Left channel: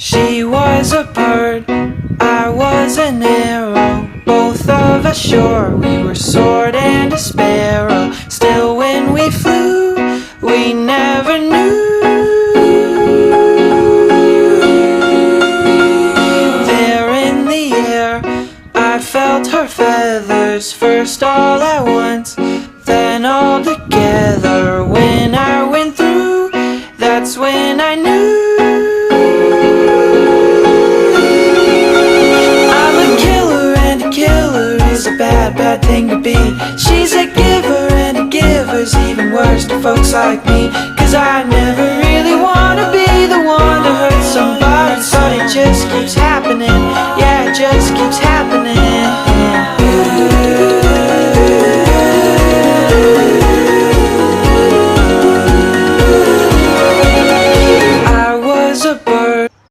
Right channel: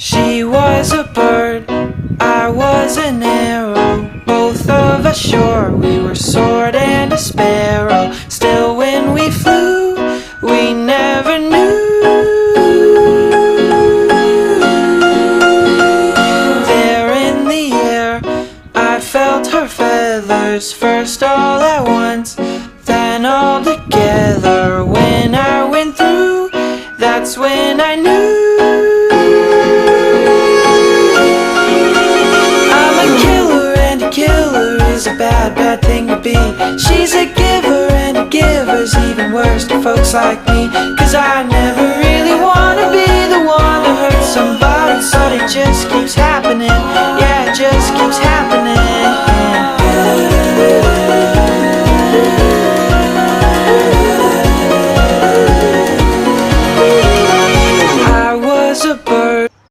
She was a bird, I was an arrow. Both of us sure we were sword and a sparrow. Still when we flew, we never knew. There in the air, I felt her feathers, first all at once, then all together. When I went through, that's when I knew. I'm a killer, and a killer is a bad, bad thing to be. She's a giver, and a giver's even worse to folks like me. Cause I never really wanna be the one to hurt somebody, but it just keeps happening. Yeah, it just keeps happening.